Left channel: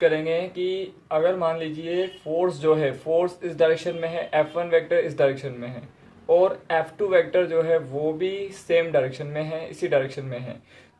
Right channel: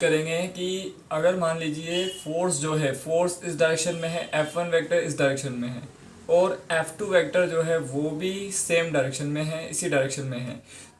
करेंगे कि अगर मान लीजिए फोर्स जो है फोर्स इस डायरेक्शन में है, F1 वेक्टर इस डायरेक्शन में है और F2 वेक्टर जो है वो भी सेम डायरेक्शन में है, इसी डायरेक्शन में है।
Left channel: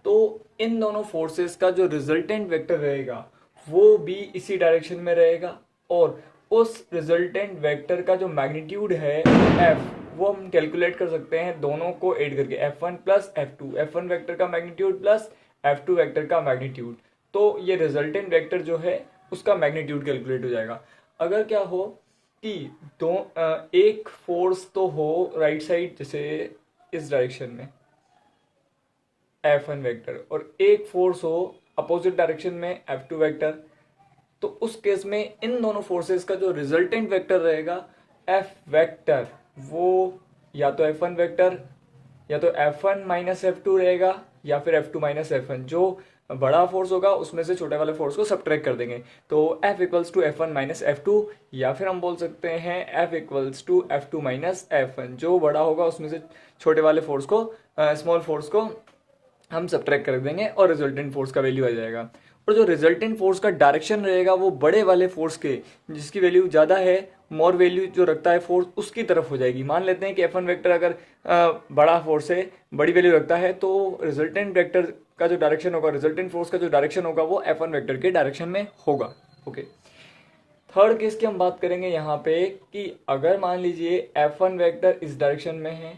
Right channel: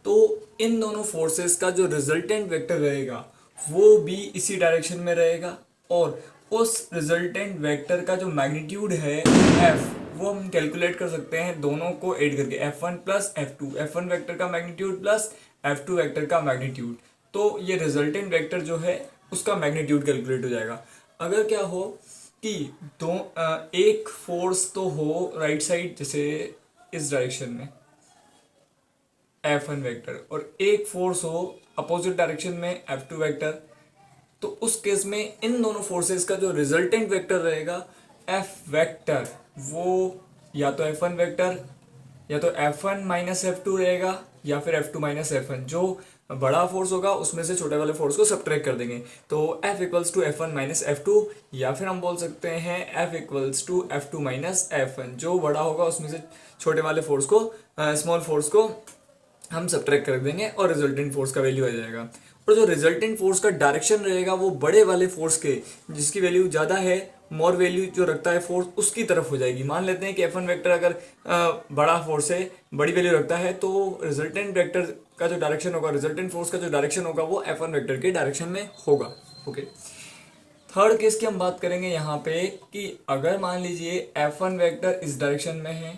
तो इन दोनों फोर्सेस का जो रिजल्टेंट वेक्टर रहेगा वो भी इसी डायरेक्शन में रहेगा और उस रिजल्टेंट वेक्टर का जो मैग्नीट्यूड है F, वो हम कैलकुलेट कर सकते हैं दोनों को ऐड करके, F1 plus F2, F1 vector का मैग्नीट्यूड प्लस F2 वेक्टर का मैग्नीट्यूड। तो ये रिजल्टेंट वेक्टर जो है उसका मैग्नीट्यूड कैलकुलेट हो जाएगा। अगर क्या हो कि एक फोर्स तो हो राइट साइड, जैसे इस डायरेक्शन में F1 वेक्टर, और एक फोर्स हो अपोजिट डायरेक्शन में F2 वेक्टर, तो उस केस में इन दोनों फोर्सेस का जो रिजल्टेंट वेक्टर रहेगा F वेक्टर, वो या तो F1 वेक्टर या तो F1 माइनस F2 रहेगा या फिर F2 माइनस F1। जो बड़ा फोर्स होगा उसमें से छोटे वाले फोर्स को सब्ट्रैक्ट कर देंगे, तो F equals to F1 minus F2, या फिर हम बोल सकते हैं F equals to F2 minus F1। जो बड़ा होगा उसमें से छोटे वाले फोर्स को, स्मॉल फोर्स को हम सब्ट्रैक्ट कर देंगे और रिजल्टेंट फोर्स का वैल्यू आ जाएगा। और जो रिजल्टेंट फोर्स का डायरेक्शन रहेगा वो बड़े वाले फोर्स के, जिसकी वैल्यू ज़्यादा है, मोर वैल्यू जो रखता है फोर्स, उसकी तरफ हो जाएगी। मान लेते हैं कि F1 वेक्टर अगर बड़ा फोर्स है, बड़ी वैल्यू रखता है, तो रिजल्टेंट वेक्टर का जो डायरेक्शन होगा, रिजल्टेंट फोर्स का जो डायरेक्शन होगा वो F1 वेक्टर के डायरेक्शन में होगा। ओके, थर्ड केस की हम बात करेंगे यहाँ पे कि अगर मान लीजिए F1 वेक्टर इस डायरेक्शन में है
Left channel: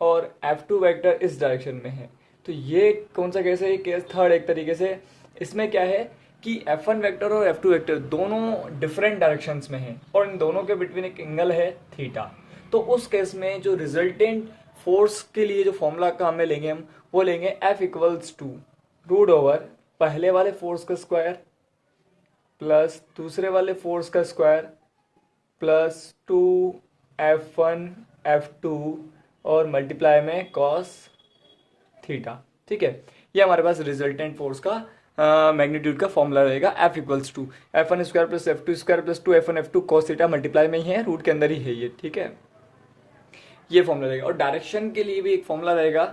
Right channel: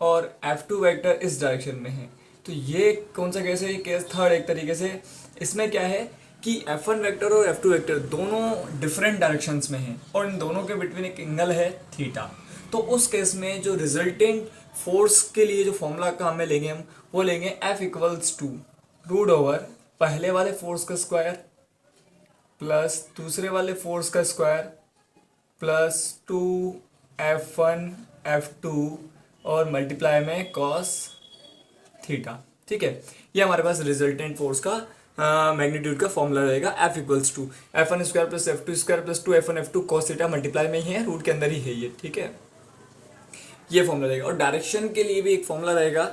और F2 वेक्टर इस डायरेक्शन में है, तो ये कौन सा केस है? ये केस थर्ड एक तरीके से। इसमें क्या है कि F1 वेक्टर और F2 वेक्टर दोनों डिफरेंट डायरेक्शंस में हैं और इन दोनों के बिटवीन एक एंगल है थीटा। तो उस केस में जो रिजल्टेंट फोर्स के लिए जो फॉर्मूला का हमें लेंगे, हम वो लेंगे F equals to root over पहले वाले फोर्स का स्क्वायर प्लस दूसरे वाले फोर्स का स्क्वायर प्लस 2 F1 F2 और मल्टीप्लाई में कॉस थीटा। ठीक है, ये हमारे पास रिजल्टेंट फोर्स का मैग्नीट्यूड का फॉर्मूला रहेगा। F equals to F1 square plus F2 square plus 2 F1 F2 cos theta, multiply में ही है, रूट के अंदर ही है ये। ठीक है, ये फॉर्मूला रहेगा। और डायरेक्शन के लिए भी एक फॉर्मूला रहेगा।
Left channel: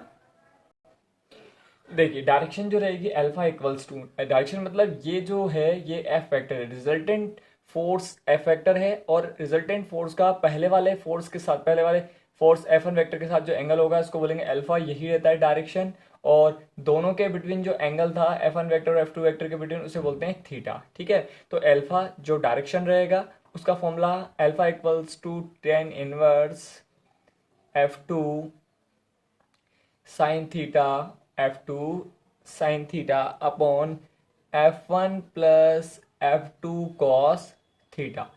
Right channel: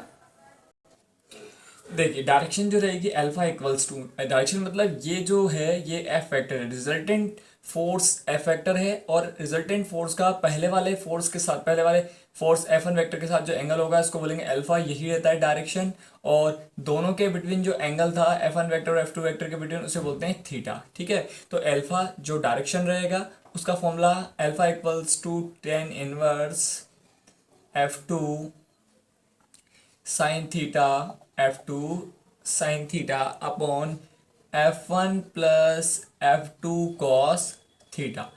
देखिए डायरेक्शन जो रहेगी अल्फा इक्वल्स टू, डायरेक्शन मतलब ये जो है ये एफ वेक्टर है, रिजल्टेंट फोर्स एफ वेक्टर है और रिजल्टेंट फोर्स का पहले वाले फोर्स के साथ, पहले वाले फोर्स F1 वेक्टर के साथ जो एंगल होगा इसको बोलेंगे अल्फा, यही रहता है डायरेक्शन। और दोनों के बिटवीन जो एंगल था F1 वेक्टर और F2 वेक्टर के बिटवीन, उसे बोलते हैं थीटा। ठीक है, तो अल्फा जो डायरेक्शन रहेगा उसका formula alpha equals to tan inverse F2 sine theta, F2 sine theta upon F1 plus F2 cos theta.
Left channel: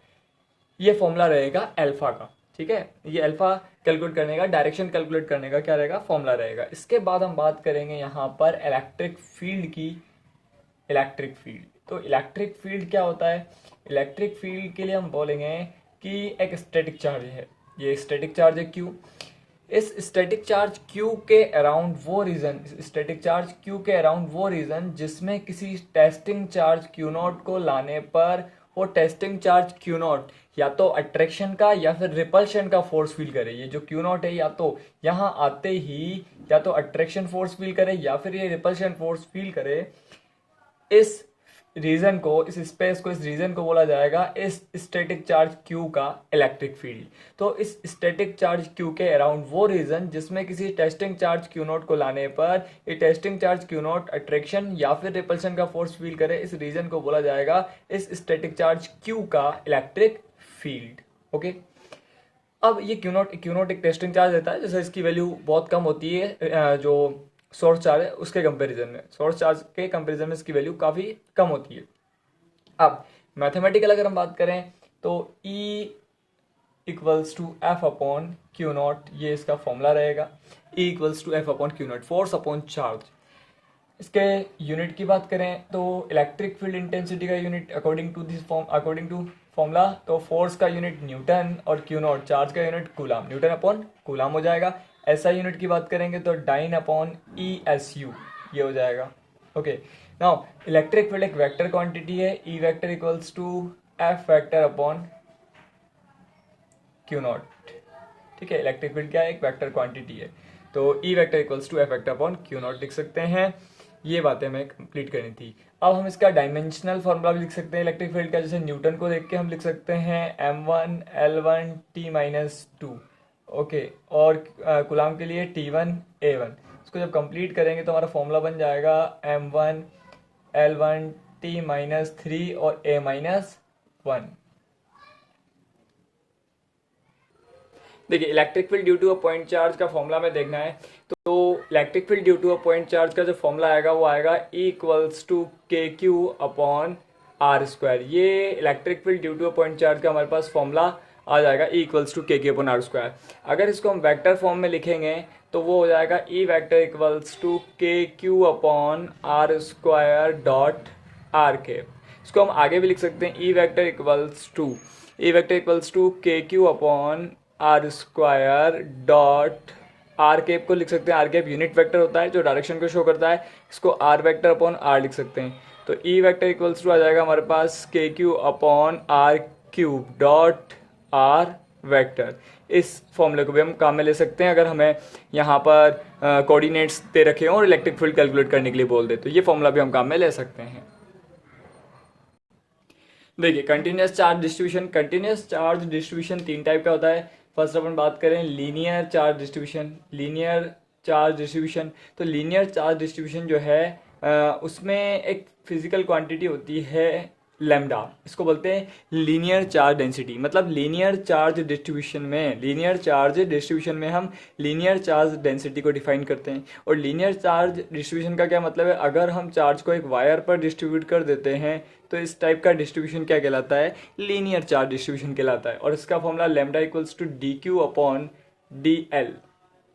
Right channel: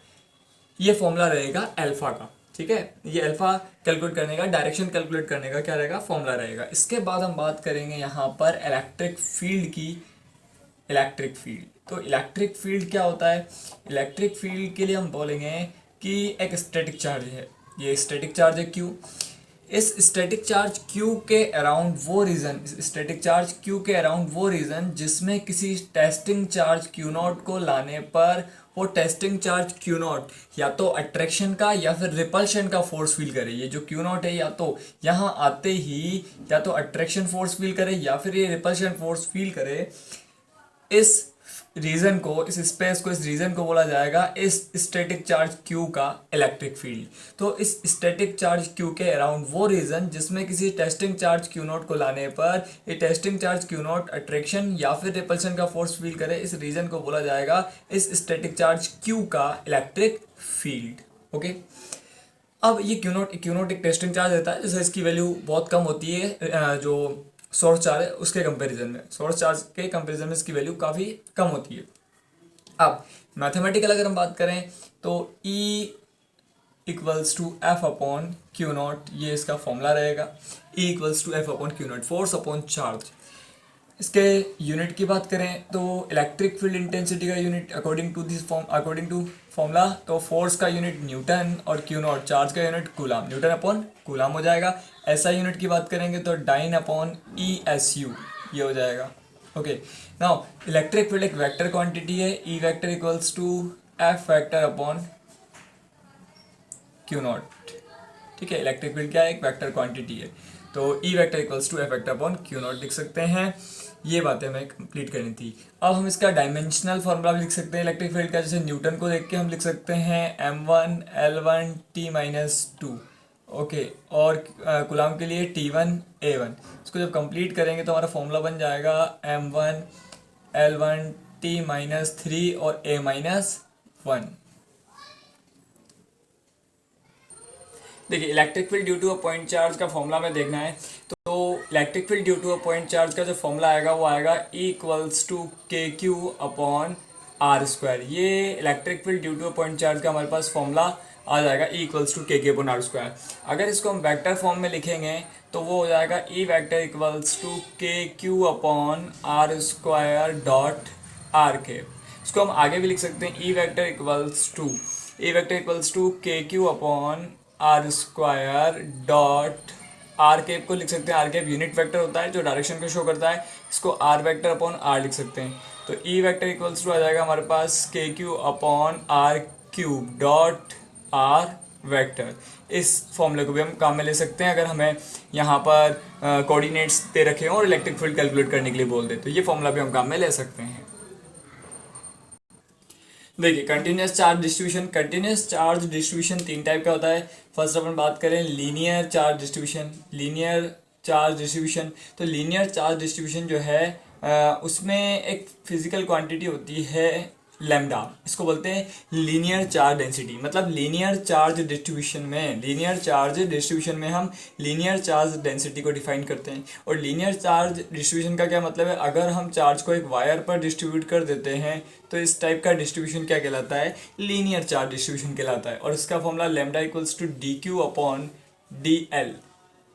ये फॉर्मूला रहेगा अल्फा का। ठीक है, ये अल्फा कैलकुलेट करने का, डायरेक्शन कैलकुलेट करने का क्या रहेगा, फॉर्मूला रहेगा। इसके बाद हम बात करेंगे यहाँ पर इलेक्ट्रिक फील्ड की। इलेक्ट्रिक फील्ड, तो इलेक्ट्रिक फील्ड क्या होता है? इलेक्ट्रिक फील्ड के लिए हम बोलेंगे कि एक स्टैटिक चार्ज है, ये स्टैटिक चार्ज है Q। इस स्टैटिक चार्ज Q के अराउंड वो रीजन, स्टैटिक चार्ज Q के अराउंड वो रीजन जिसमें किसी टेस्टिंग चार्ज Q नॉट को लाने पर वो टेस्टिंग चार्ज Q नॉट या तो अट्रैक्शन का या फिर रिपल्शन का फोर्स फील करे। ये जो Q नॉट है या तो यहाँ आते ही या तो अट्रैक्शन फोर्स फील करे या फिर ये रिपल्शन फोर्स फील करे। इस रीजन को, इस स्पेस को, इस रीजन को बोला जाएगा इस स्टैटिक चार्ज Q का इलेक्ट्रिक फील्ड। तो इस स्टैटिक चार्ज Q के अराउंड वो रीजन जिसमें किसी टेस्टिंग चार्ज Q नॉट को लाने पर ये testing charge Q not attraction या फिर रिपल्शन का फोर्स फील करे, इस रीजन को बोला जाएगा इस स्टैटिक चार्ज Q का इलेक्ट्रिक फील्ड। ओके, अब ये क्यू नॉट एक टेस्टिंग चार्ज रहता है, जैसे इसकी वैल्यू बहुत कम होती है जो सोर्स चार्ज है उसके कंपैरिजन में, सोर्स चार्ज के कंपैरिजन में इसकी वैल्यू काफ़ी कम होती है। अब मैथमेटिकल अगर हम बात करें तो E equals to F upon Q naught, ये इसका फॉर्मूला रहेगा। E equals to F upon Q naught, force upon charge. इसके यूनिट की बात करें तो इलेक्ट्रिक फील्ड इंटेंसिटी का unit according to this form, according to formula, तो फोर्स का यूनिट न्यूटन और क्यू नॉट चार्ज का unit coulomb, newton upon coulomb हो जाएगा। ऐसा यूनिट की बात करेंगे तो डाइन अपॉन ESU ये हो जाएगा। ओके, नाउ इलेक्ट्रिक फील्ड एक वेक्टर क्वांटिटी है, E vector equals to F vector upon Q naught. ठीक है, इलेक्ट्रिक फील्ड क्या है? एक वेक्टर क्वांटिटी है। तो E vector equals to F vector upon Q naught लिख सकते हैं। ये बातें हमें कंप्लीट करनी थी। अब हम इसका डायमेंशनल फॉर्मूला भी लिख सकते हैं इलेक्ट्रिक फील्ड का, जैसे न्यूटन को देख के हम लिख सकते हैं m1 L1 T-2। ओके, और कूलाम के लिए T1 A1। इसको जब कंप्लीट करेंगे तो हमारा फॉर्मूला बन जाएगा m1 L1 T-3 और A-1। देखिए, electric field due to a point charge का फॉर्मूला में देखना है तो electric field due to a point charge का जो फॉर्मूला आएगा वो आएगा E equals to KQ upon R²। ये electric field due to a point charge का हमारे पास फॉर्मूला आ जाएगा E equals to KQ upon R²। अगर इसको हम वेक्टर फॉर्म में लिखेंगे तो वो हो जाएगा E vector equals to KQ upon R² dot RK। इसको हम आगे भी लिख सकते हैं E vector equals to KQ upon R² dot R cap को लिख सकते हैं। आर कैप यूनिट वेक्टर होता है जो डायरेक्शन को शो करता है, इसको आर वेक्टर अपॉन आर लिख सकते हैं। तो ई वेक्टर इक्वल्स टू आ जाएगा हमारे पास KQ upon R³ dot are vector. इस फॉर्मूले को भी हम काम में ले सकते हैं अगर हमें यहाँ पर कोऑर्डिनेट्स दे रखे हों और इलेक्ट्रिक फील्ड कैलकुलेट करने के लिए बोल दे, तो ये फॉर्मूला भी हम काम में ले सकते हैं। देखिए, कंटिन्यूस चार्ज डिस्ट्रीब्यूशन तीन टाइप का होता है। फर्स्ट अपन बात करें लीनियर चार्ज डिस्ट्रीब्यूशन। तो लीनियर चार्ज डिस्ट्रीब्यूशन जो है उसमें एक फिजिकल क्वांटिटी होती है लैम्डा, इसको बोलते हैं लीनियर चार्ज डेंसिटी। मतलब लीनियर चार्ज डिस्ट्रीब्यूशन में हम लीनियर चार्ज डेंसिटी को डिफाइन करते हैं। और लीनियर चार्ज डिस्ट्रीब्यूशन का क्या मतलब है, अगर हम चार्ज को एक वायर पर डिस्ट्रीब्यूट कर देते हैं तो इस टाइप का डिस्ट्रीब्यूशन क्या कहलाता है, लीनियर चार्ज डिस्ट्रीब्यूशन कहलाता है। और इसका formula lambda equals to DQ upon DL,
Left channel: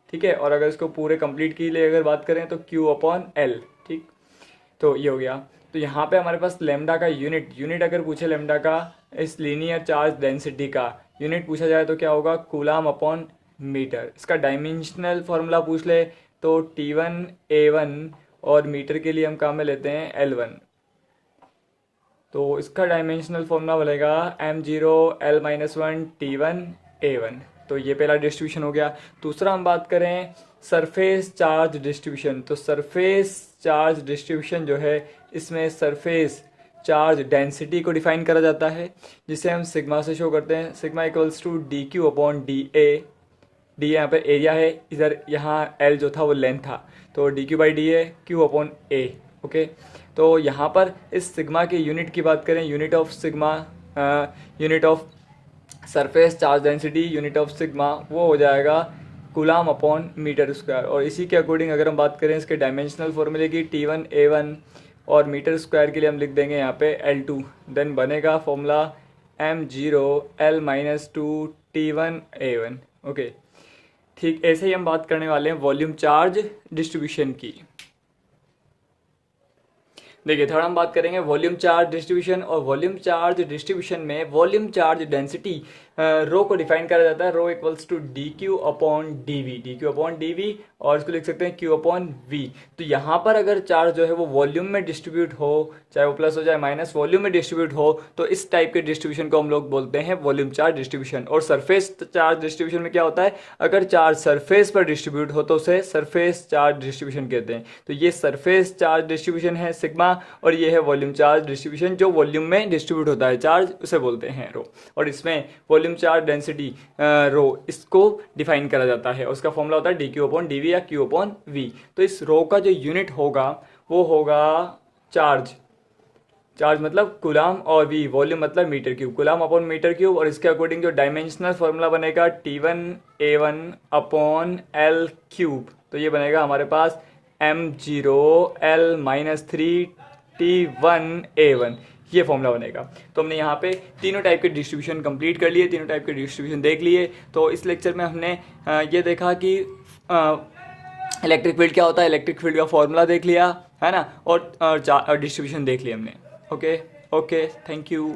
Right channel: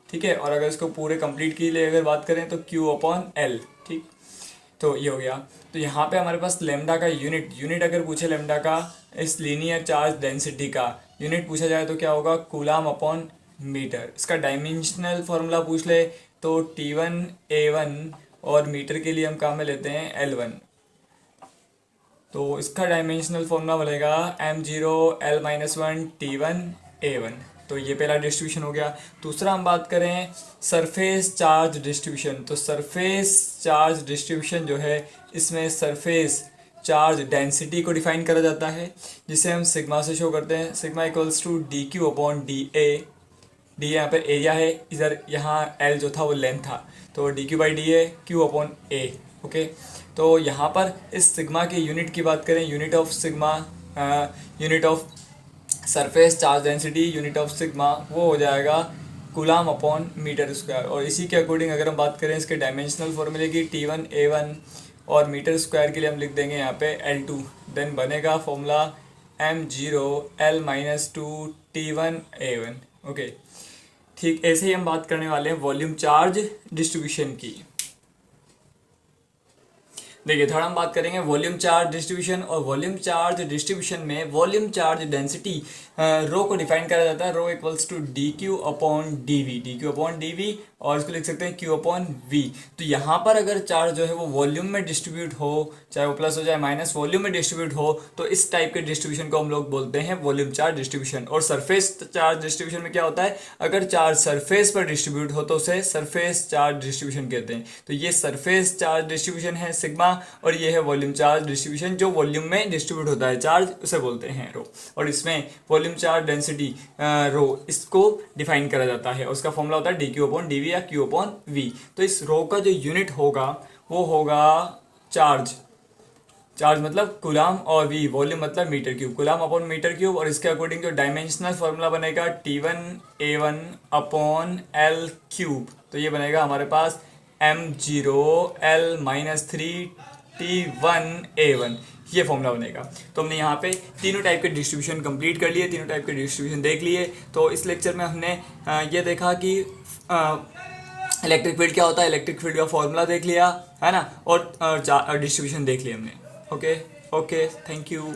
ठीक है। और अगर इसको पूरे कंप्लीट के लिए अगर बात करें तो Q अपॉन L, ठीक। तो ये हो गया। तो यहाँ पे हमारे पास लैम्डा का यूनिट अगर पूछे लैम्डा का इस लीनियर चार्ज डेंसिटी का यूनिट पूछा जाए तो क्या होगा, कूलाम अपॉन मीटर। इसका डायमेंशनल फार्मूला पूछ ले तो T1A1 और मीटर के लिए हम काम में लेते हैं L1। तो इसका डायमेंशनल फॉर्मूला बनेगा m0L-1 T1A1। तो ये पहला डिस्ट्रीब्यूशन हो गया। दूसरा हम बात करें सरफेस चार्ज डिस्ट्रीब्यूशन। तो सरफेस चार्ज डिस्ट्रीब्यूशन जो है इसमें सरफेस चार्ज डेंसिटी को डिफाइन करा जाता है, जिसे हम सिग्मा से शो करते हैं। Sigma equals to DQ upon DA। D यहाँ पर एरिया है, इधर यहाँ L जो था वो लेंथ था, तो DQ/DA Q upon A। Okay, तो यहाँ पर इस सिग्मा के यूनिट की बात करें, unit of sigma, unit of surface charge density, unit of sigma वो हो जाएगा कूलाम अपॉन मीटर स्क्वायर। और इसी के अकॉर्डिंग अगर हम बात करें इसके डायमेंशनल फॉर्मूले की T1A1 और मीटर स्क्वायर के लिए हम लिख देंगे यहाँ पे L2। देन बनेगा फॉर्मूला m0L-2 T1A1। ओके, ठीक ऐसे ही हम बात करने वाले हैं वॉल्यूम चार्ज डिस्ट्रीब्यूशन की। देखिए, थोड़ा हम बात करेंगे वॉल्यूम चार्ज डिस्ट्रीब्यूशन। और वॉल्यूम चार्ज डिस्ट्रीब्यूशन में वॉल्यूम चार्ज डेंसिटी रो को डिफाइन करा जाता है। Rho equals to DQ upon DV, और इसको लिख सकते हैं Q अपॉन V। तो यहाँ पर अगर चार्ज जो है वो वॉल्यूम में डिस्ट्रीब्यूट हो, चाहे वो प्लस हो चाहे माइनस, वॉल्यूम में डिस्ट्रीब्यूट हो, तो इस टाइप के डिस्ट्रीब्यूशन को हम लोग बोलते हैं वॉल्यूम चार्ज डिस्ट्रीब्यूशन। और सरफेस चार्ज डिस्ट्रीब्यूशन में क्या होता है, अगर चार्ज सरफेस पर डिस्ट्रीब्यूट हो तो उसे सरफेस चार्ज डिस्ट्रीब्यूशन कहते हैं। तो ये सरफेस चार्ज डिस्ट्रीब्यूशन है सिग्मा, और ये है वॉल्यूम चार्ज डिस्ट्रीब्यूशन जो वॉल्यूम में डिस्ट्रीब्यूट होता है चार्ज, उसे बोलते हैं रो। और इसमें वॉल्यूम चार्ज डेंसिटी रो इसको डिफाइन करा जाता है, उसका फॉर्मूला होता है DQ अपॉन DV या Q अपॉन V। तो इस रो का जो यूनिट होगा वो होगा चार्ज मतलब कूलाम, और V वॉल्यूम मतलब metre cube, coulomb upon metre cube. और इसके अकॉर्डिंग जो डायमेंशनल फॉर्मूला बनेगा T1A1 अपॉन L³। तो ये बनेगा हमारे पास m0L-3 T1A1, ये फॉर्मूला बनेगा। तो हमने यहाँ पे तीनों टाइप के डिस्ट्रीब्यूशन कंप्लीट कर लिए, तीनों टाइप के डिस्ट्रीब्यूशन देख लिए। तो इस लेक्चर में हमने ये देखा कि इलेक्ट्रिक फील्ड क्या होता है, इलेक्ट्रिक फील्ड का फॉर्मूला देख लिया है ना, और डिस्ट्रीब्यूशन देख लिया हमने। Okay, thank you.